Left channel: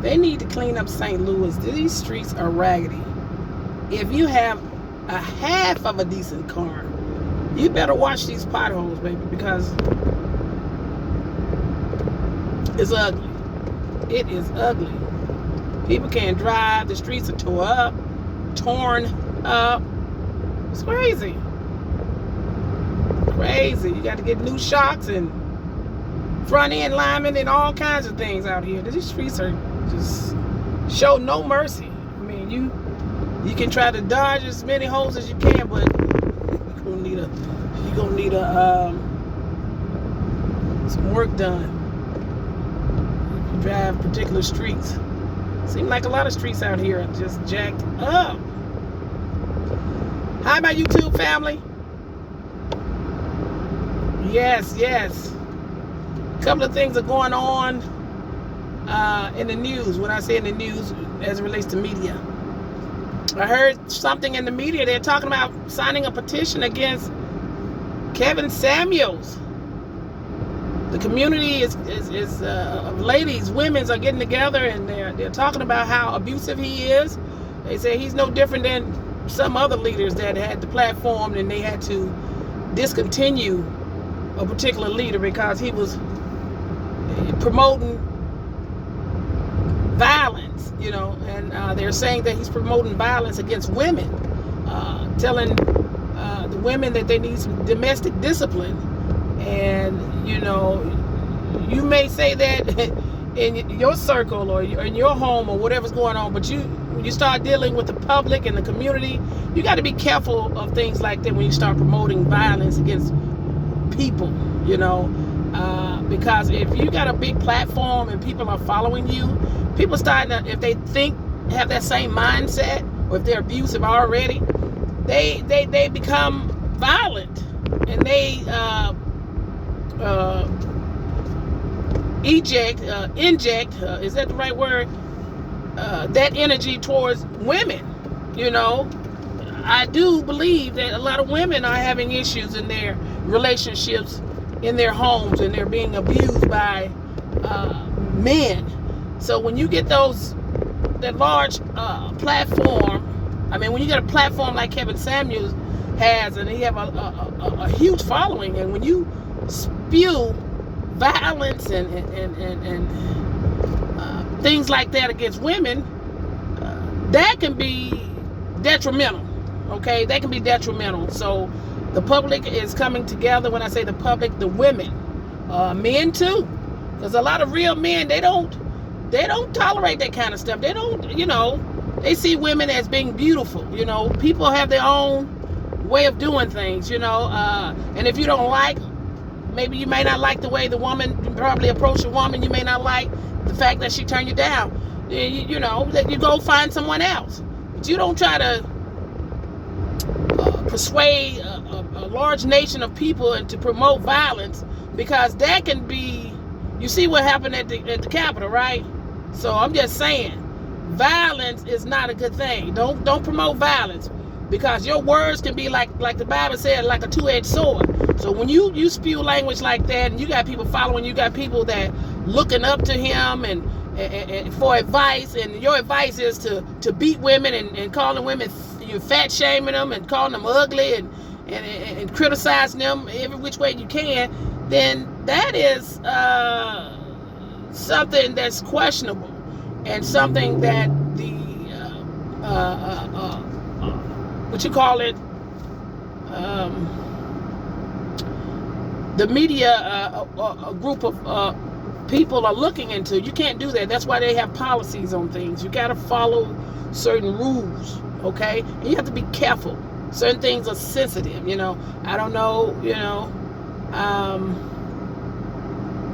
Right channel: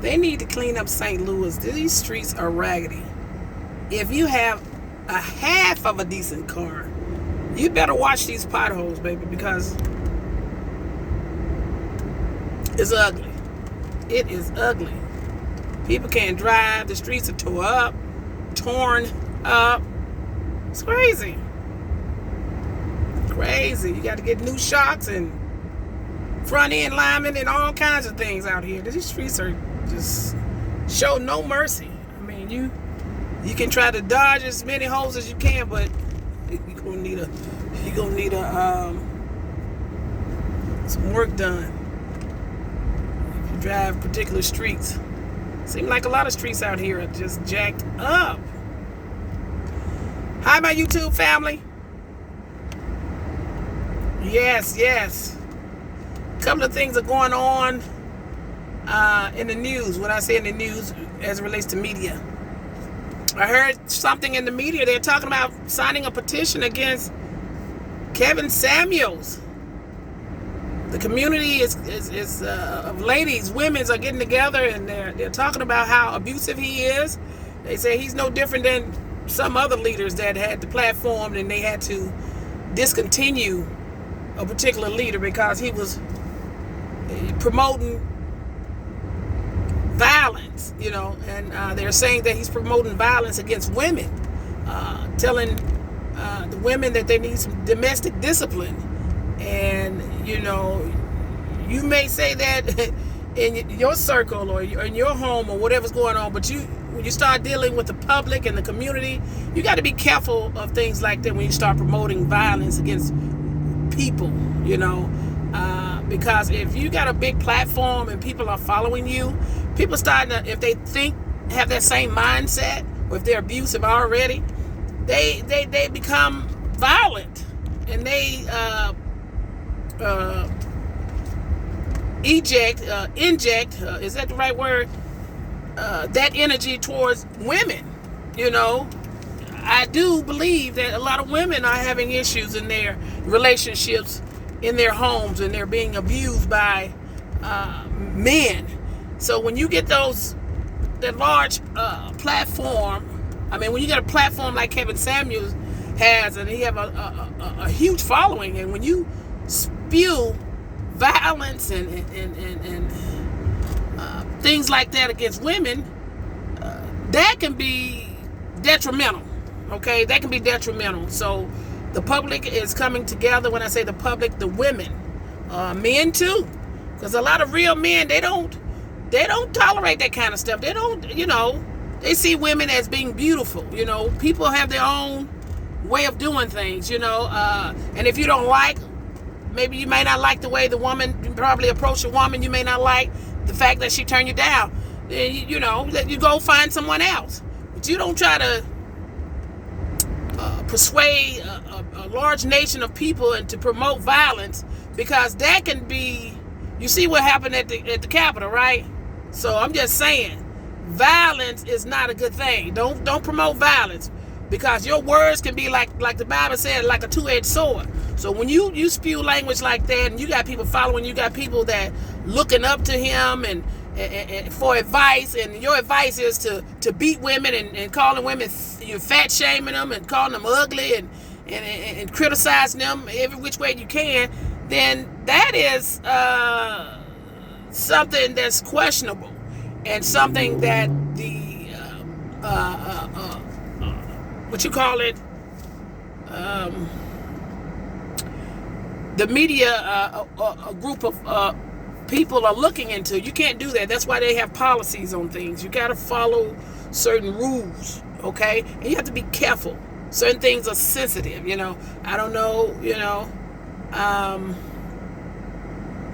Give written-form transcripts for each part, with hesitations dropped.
They need to clean up St. Louis. These streets are raggedy. If you have a half of a decent car, you better watch these potholes, baby, because it's ugly. It is ugly. People can't drive. The streets are torn up. It's crazy. Crazy. You got to get new shocks and front end linemen and all kinds of things out here. These streets are just show no mercy. I mean, you can try to dodge as many holes as you can, but you're gonna need some work done if you drive particular streets. Seems like a lot of streets out here are just jacked up. Hi, my YouTube family. Yes. A couple of things are going on in the news. When I say in the news, as it relates to media, I heard something in the media. They're talking about signing a petition against Kevin Samuels. The community is of ladies, women are getting together, and they're talking about how abusive he is. They say he's no different than some other leaders that had the platform and they had to discontinue a particular leader because he was promoting violence, and they're saying that he's promoting violence against women, telling the women that they need some domestic discipline. And you may say that in your circle or in your home or whatever's going on, but when you start dealing with the public and the community, you got to be careful of things like that when you start promoting violence against people, because if you got a big platform and people are following you, people starting to, if they have that same mindset, or if they're abusive already, they become violent, and they inject, is that the right word? That energy towards women. I do believe that a lot of women are having issues in their relationships, in their homes, and they're being abused by men. So when you get that large platform, when you get a platform like Kevin Samuels has, and he have a huge following, and when you spew violence and things like that against women, that can be detrimental. Okay, that can be detrimental. So the public is coming together. When I say the public, the women, men too, because a lot of real men, they don't tolerate that kind of stuff. They don't, they see women as being beautiful. People have their own way of doing things. And if you don't like, maybe you may not like the way the woman, you probably approach a woman, you may not like the fact that she turned you down. Then you go find someone else. But you don't try to persuade a large nation of people and to promote violence, because that can be, you see what happened at the Capitol, right? So I'm just saying, violence is not a good thing. Don't promote violence, because your words can be like the Bible said, like a two-edged sword. So when you spew language like that, and you got people following, you got people that looking up to him and for advice, and your advice is to beat women and calling women, you're fat shaming them and calling them ugly and criticizing them every which way you can, then that is something that's questionable, and something that the the media a group of people are looking into. You can't do that. That's why they have policies on things. You got to follow certain rules, okay? And you have to be careful. Certain things are sensitive, I don't know,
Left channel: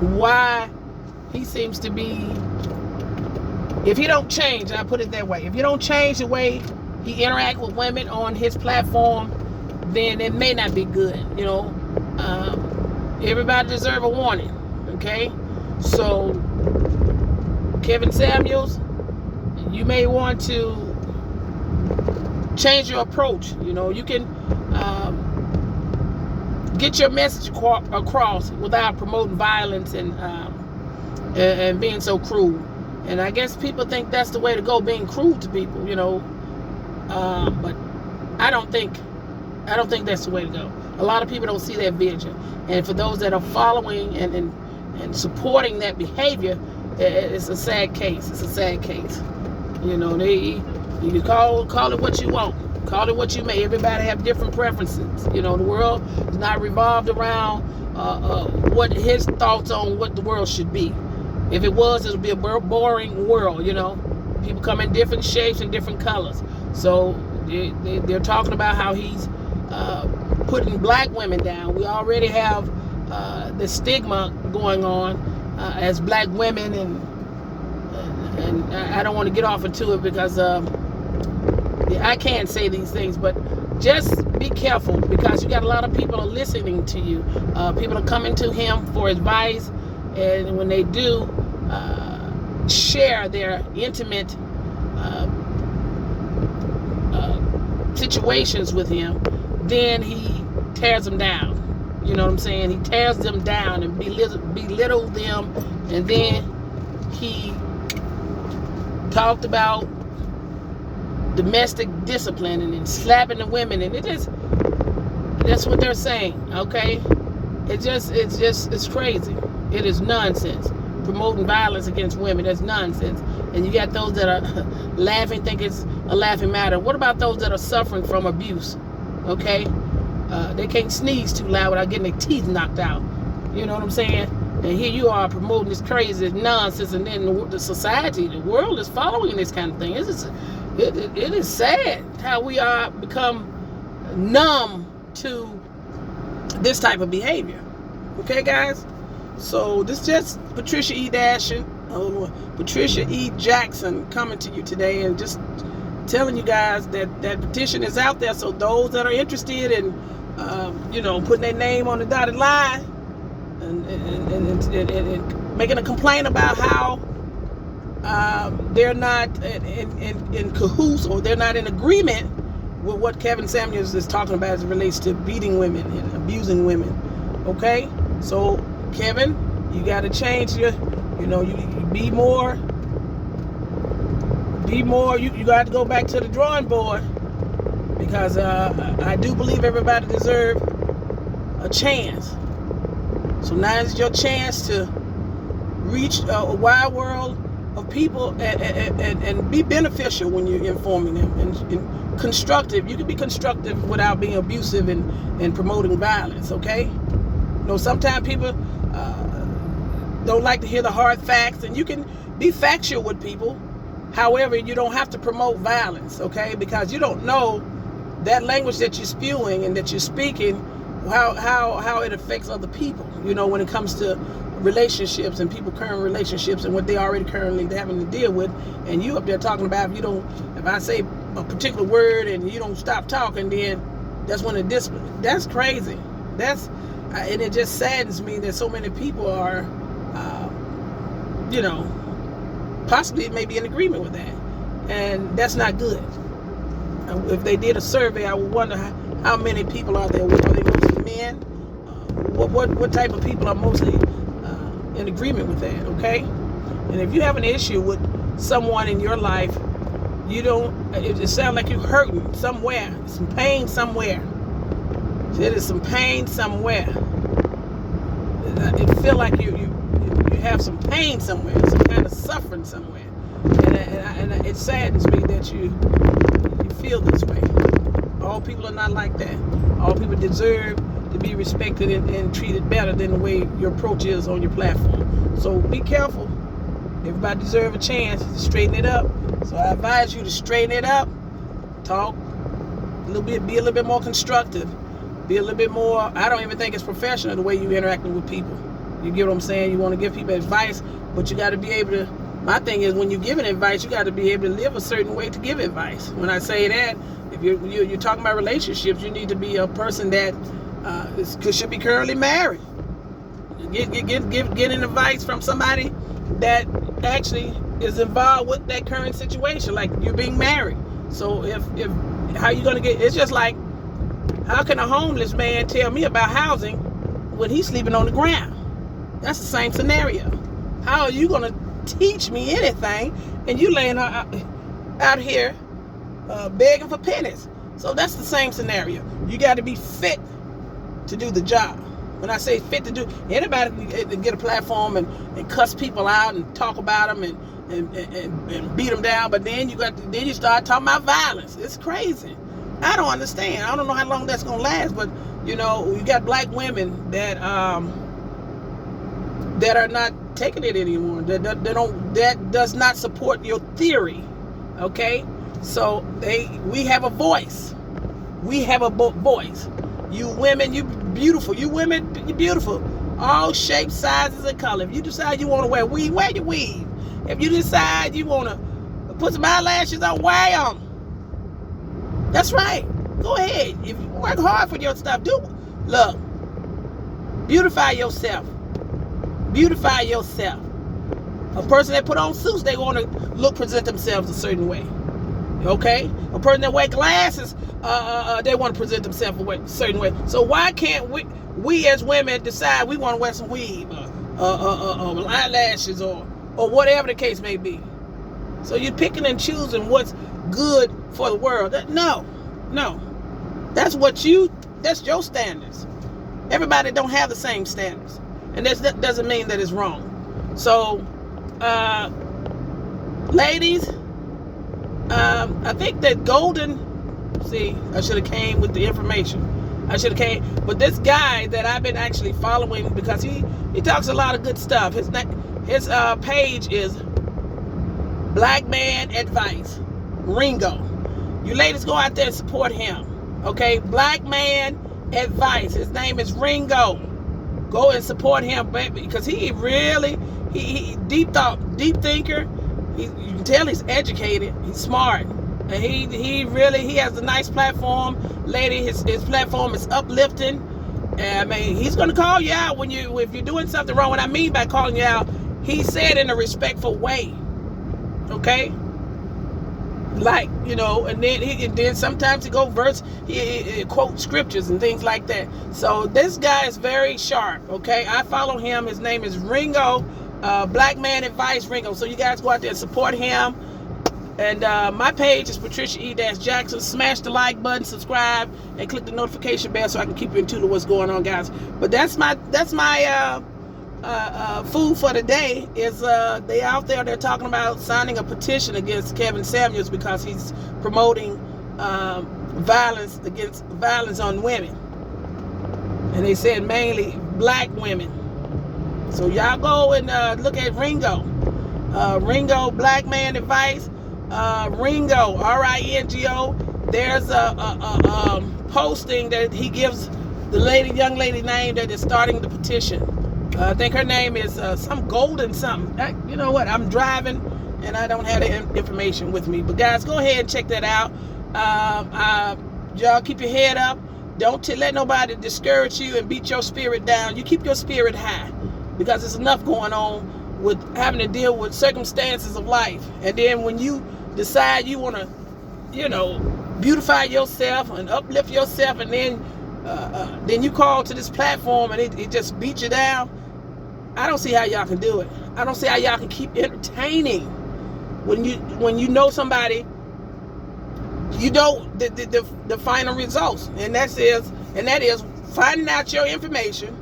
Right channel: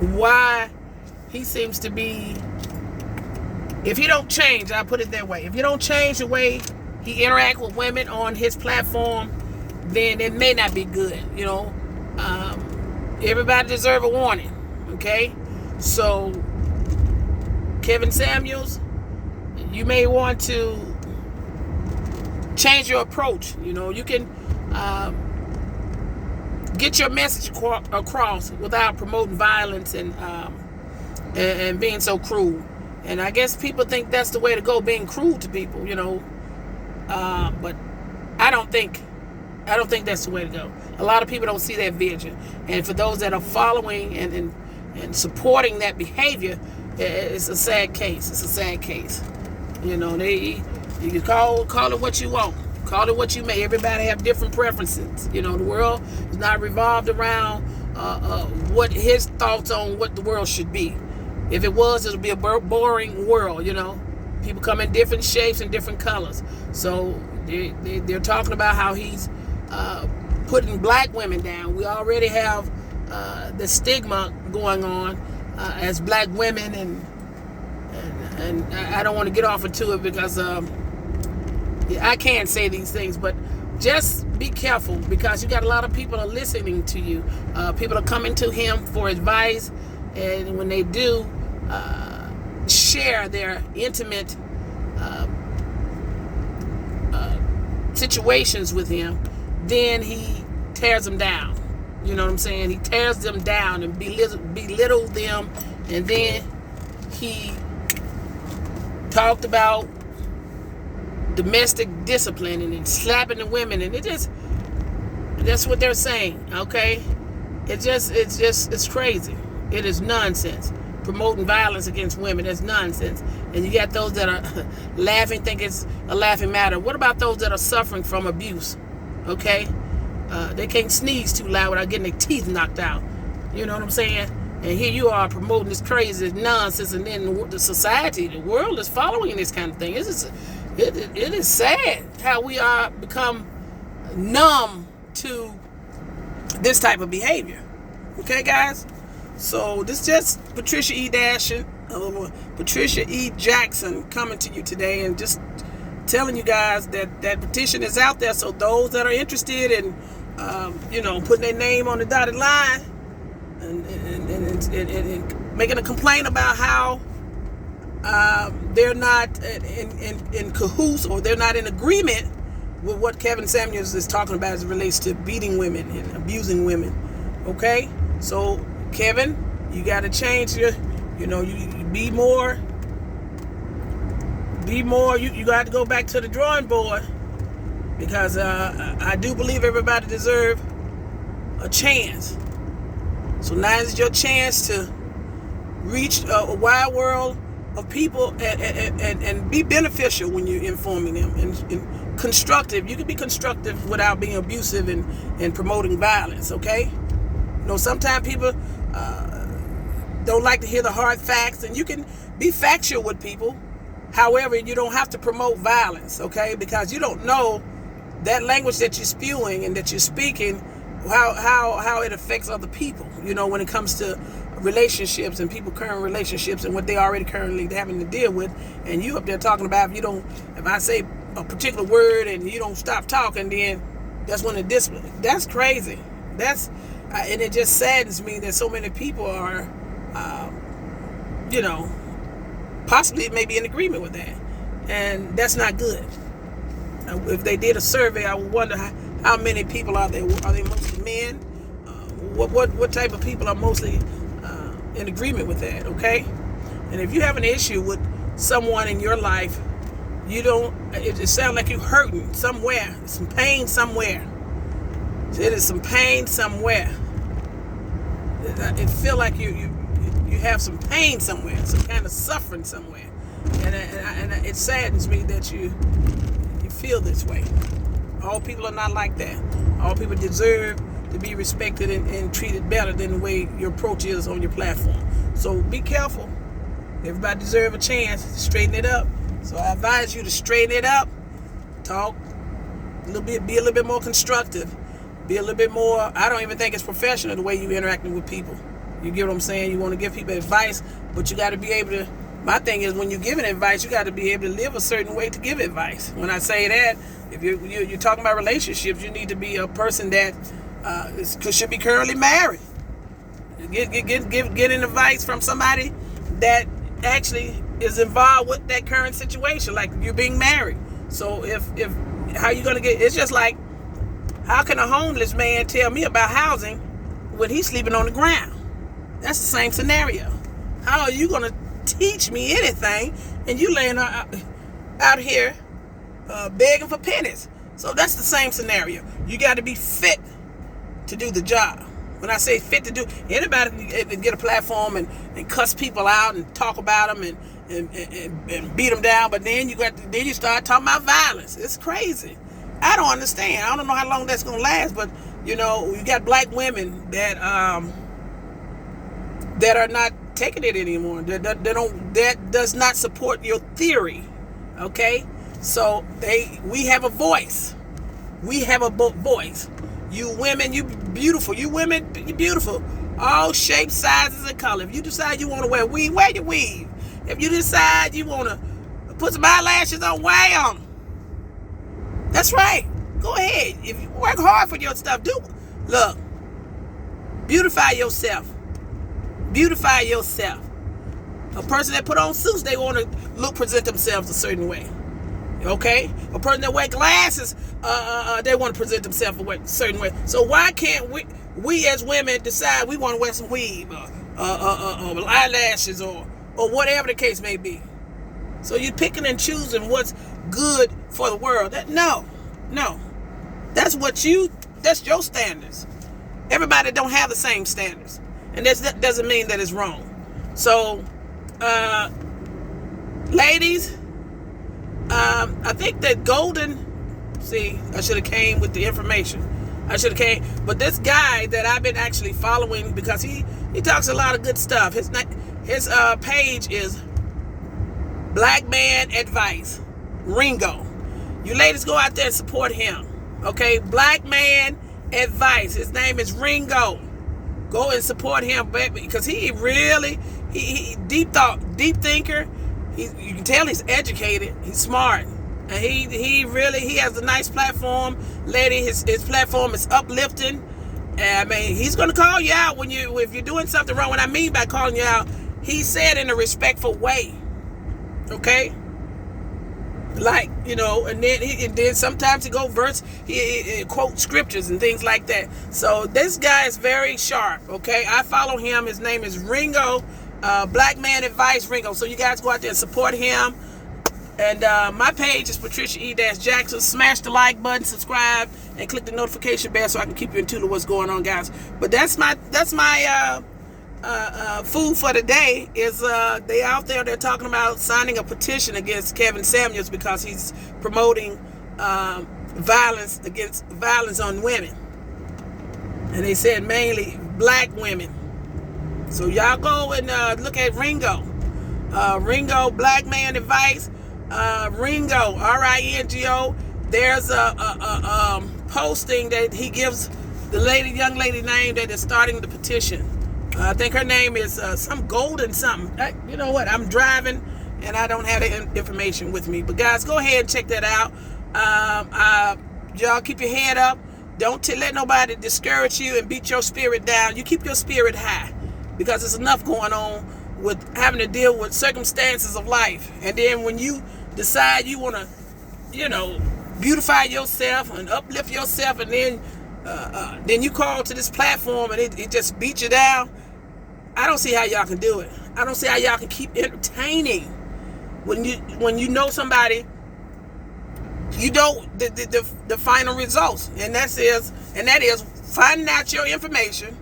why he seems to be, if he don't change, I put it that way, if you don't change the way he interact with women on his platform, then it may not be good, everybody deserve a warning, okay? So Kevin Samuels, you may want to change your approach. You can get your message across without promoting violence and being so cruel. And I guess people think that's the way to go, being cruel to people, you know. But I don't think that's the way to go. A lot of people don't see that vision. And for those that are following and supporting that behavior, it's a sad case. It's a sad case. You know, you can call it what you want. Call it what you may. Everybody have different preferences. You know, the world is not revolved around what his thoughts on what the world should be. If it was, it would be a boring world, you know. People come in different shapes and different colors. So they're talking about how he's putting black women down. We already have the stigma going on as black women, and I don't want to get off into it because I can't say these things, but just be careful, because you got a lot of people are listening to you. People are coming to him for advice, and when they do share their intimate situations with him, then he tears them down. You know what I'm saying? He tears them down and belittle them, and then he talked about domestic discipline and slapping the women, and that's what they're saying, okay? It's crazy. It is nonsense. Promoting violence against women, that's nonsense. And you got those that are laughing, think it's a laughing matter. What about those that are suffering from abuse? Okay? They can't sneeze too loud without getting their teeth knocked out. You know what I'm saying? And here you are promoting this crazy nonsense, and then the society, the world is following this kind of thing. It is sad how we are become numb to this type of behavior. Okay, guys? So this is just Patricia E. Jackson coming to you today, and just telling you guys that petition is out there. So those that are interested in, putting their name on the dotted line and making a complaint about how they're not in cahoots, or they're not in agreement with what Kevin Samuels is talking about as it relates to beating women and abusing women. Okay, so Kevin, you got to change you be more. You got to go back to the drawing board, because I do believe everybody deserves a chance. So now is your chance to reach a wide world of people and be beneficial when you're informing them, and constructive. You can be constructive without being abusive and promoting violence. Okay, sometimes people don't like to hear the hard facts, and you can be factual with people. However, you don't have to promote violence, okay? Because you don't know that language that you're spewing and that you're speaking, how it affects other people, when it comes to relationships and people current relationships and what they already currently having to deal with. And you up there talking about, if I say a particular word and you don't stop talking, then that's when that's crazy. And it just saddens me that so many people are, possibly maybe in agreement with that. And that's not good. If they did a survey, I would wonder how many people are there. Are they mostly men? What type of people are mostly in agreement with that, okay? And if you have an issue with someone in your life, it sounds like you're hurting somewhere, some pain somewhere. There is some pain somewhere. It feel like you have some pain somewhere, some kind of suffering somewhere, and it saddens me that you feel this way. All people are not like that. All people deserve to be respected and treated better than the way your approach is on your platform. So be careful. Everybody deserves a chance to straighten it up. So I advise you to straighten it up. Talk a little bit, be a little bit more constructive. Be a little bit more, I don't even think it's professional the way you interacting with people. You get what I'm saying? You want to give people advice, but you got to be able to, my thing is, when you're giving advice, you got to be able to live a certain way to give advice. When I say that, if you're talking about relationships, you need to be a person that should be currently married. Getting advice from somebody that actually is involved with that current situation, like you're being married. So if how you gonna get? It's just like, how can a homeless man tell me about housing when he's sleeping on the ground? That's the same scenario. How are you gonna teach me anything, and you laying out here begging for pennies. So that's the same scenario. You got to be fit to do the job. When I say fit to do, anybody can get a platform and cuss people out and talk about them and beat them down, but then you start talking about violence. It's crazy. I don't understand. I don't know how long that's gonna last, but you got black women that are not taking it anymore. That does not support your theory. Okay, so we have a voice. We have a voice. You women, you beautiful. You women, you beautiful. All shapes, sizes, and color. If you decide you want to wear weave, wear your weave. If you decide you want to put some eyelashes on, wear them. That's right. Go ahead. If you work hard for your stuff, look. Beautify yourself. Beautify yourself. A person that put on suits, they want to present themselves a certain way. Okay? A person that wear glasses, they want to present themselves a certain way. So why can't we as women decide we want to wear some weave or eyelashes or whatever the case may be? So you're picking and choosing what's good for the world. No. That's your standards. Everybody don't have the same standards. And that doesn't mean that it's wrong. So, ladies, I think that I should have came with the information. But this guy that I've been actually following, because he talks a lot of good stuff. His page is Blackmale Advice, RINGO. You ladies go out there and support him. Okay, Blackmale Advice. His name is RINGO. Go and support him, baby, because he deep thinker. You can tell he's educated. He's smart. And he has a nice platform. Lady, his platform is uplifting. And I mean, he's gonna call you out if you're doing something wrong. What I mean by calling you out, he said in a respectful way. Okay? Like, and then sometimes he he quotes scriptures and things like that. So this guy is very sharp. Okay? I follow him. His name is RINGO, Blackmale Advice RINGO. So you guys go out there and support him. And my page is PatriciaE-Jackson. Smash the like button, subscribe, and click the notification bell so I can keep you in tune to what's going on, guys. But that's my food for the day. Is they out there, they're talking about signing a petition against Kevin Samuels because he's promoting violence on women. And they said mainly black women. So y'all go and look at RINGO. RINGO, Blackmale Advice. RINGO, RINGO. There's a posting that he gives the young lady name that is starting the petition. I think her name is some golden something. You know what? I'm driving and I don't have the information with me. But guys, go ahead and check that out. Y'all keep your head up. Don't let nobody discourage you and beat your spirit down. You keep your spirit high, because there's enough going on with having to deal with circumstances of life. And then when you decide you want to, beautify yourself and uplift yourself, and then you call to this platform and it just beats you down. I don't see how y'all can do it. I don't see how y'all can keep entertaining when you know somebody, the final results, and that is finding out your information.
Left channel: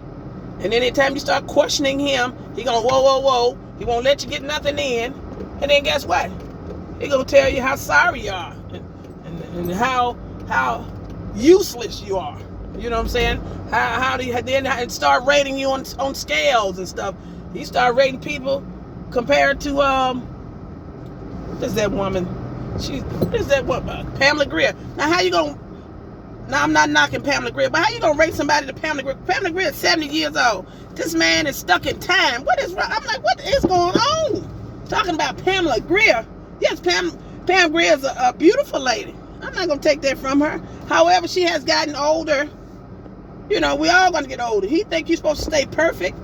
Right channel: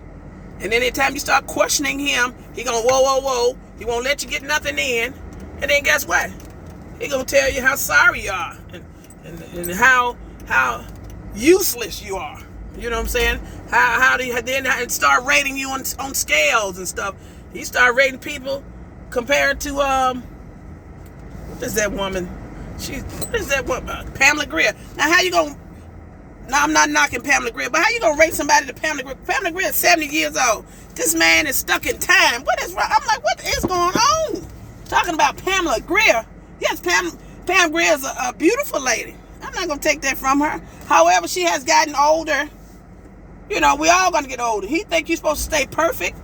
And then anytime you start questioning him, he gonna whoa. He won't let you get nothing in. And then guess what? He gonna tell you how sorry you are and how useless you are. You know what I'm saying? How do you then start rating you on scales and stuff? He started rating people compared to what is that woman? Pamela Grier. Now how you gonna? Now I'm not knocking Pamela Grier, but how you gonna rate somebody to Pamela Grier? Pamela Grier is 70 years old. This man is stuck in time. What is wrong? I'm like, what is going on? Talking about Pamela Grier. Yes, Pam Grier is a beautiful lady. I'm not gonna take that from her. However, she has gotten older. We all gonna get older. He think you're supposed to stay perfect.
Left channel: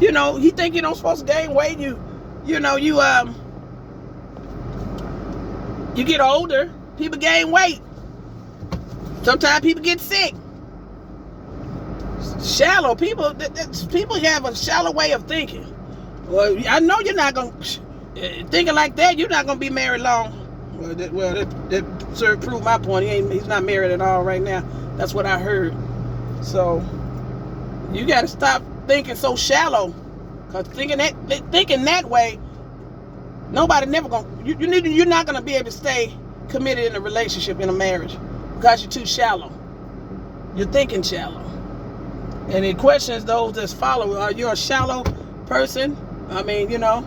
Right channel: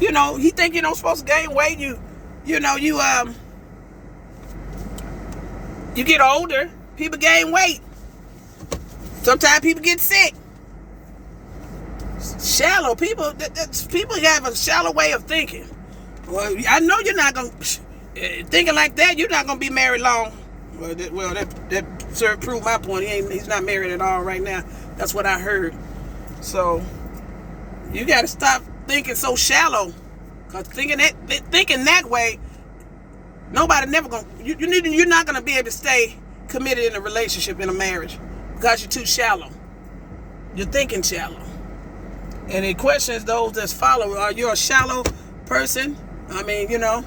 He think you don't supposed to gain weight. You get older, people gain weight. Sometimes people get sick. Shallow people have a shallow way of thinking. Well, I know you're not going to, thinking like that, you're not going to be married long. Well, that sir proved my point. He's not married at all right now. That's what I heard. So, you got to stop thinking so shallow. Because thinking that way, nobody never going to, you're not going to be able to stay committed in a relationship, in a marriage. Because you're too shallow. You're thinking shallow. And it questions those that follow. Are you a shallow person? I mean, you know,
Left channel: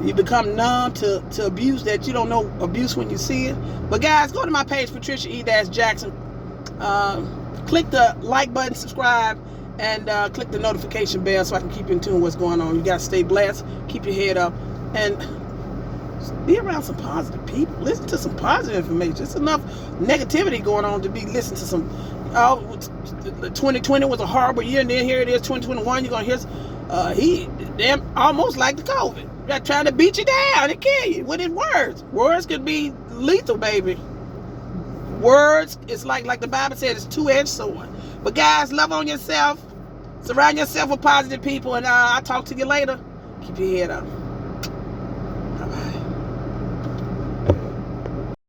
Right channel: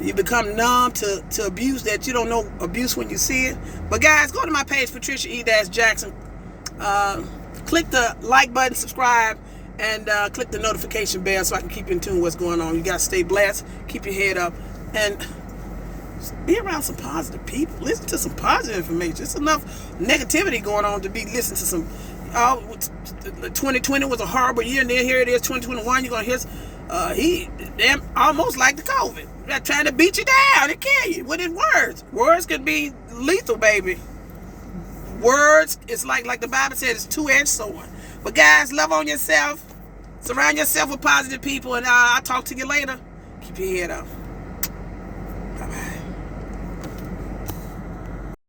you become numb to abuse that you don't know abuse when you see it. But guys, go to my page, PatriciaE-Jackson. Click the like button, subscribe, and click the notification bell so I can keep you in tune with what's going on. You got to stay blessed, keep your head up, and be around some positive people. Listen to some positive information. There's enough negativity going on to be listening to some. 2020 was a horrible year, and then here it is, 2021. You're gonna hear damn almost like the COVID. They're trying to beat you down and kill you with his words. Words could be lethal, baby. Words, it's like the Bible says, it's two-edged sword. But guys, love on yourself. Surround yourself with positive people, and I'll talk to you later. Keep your head up.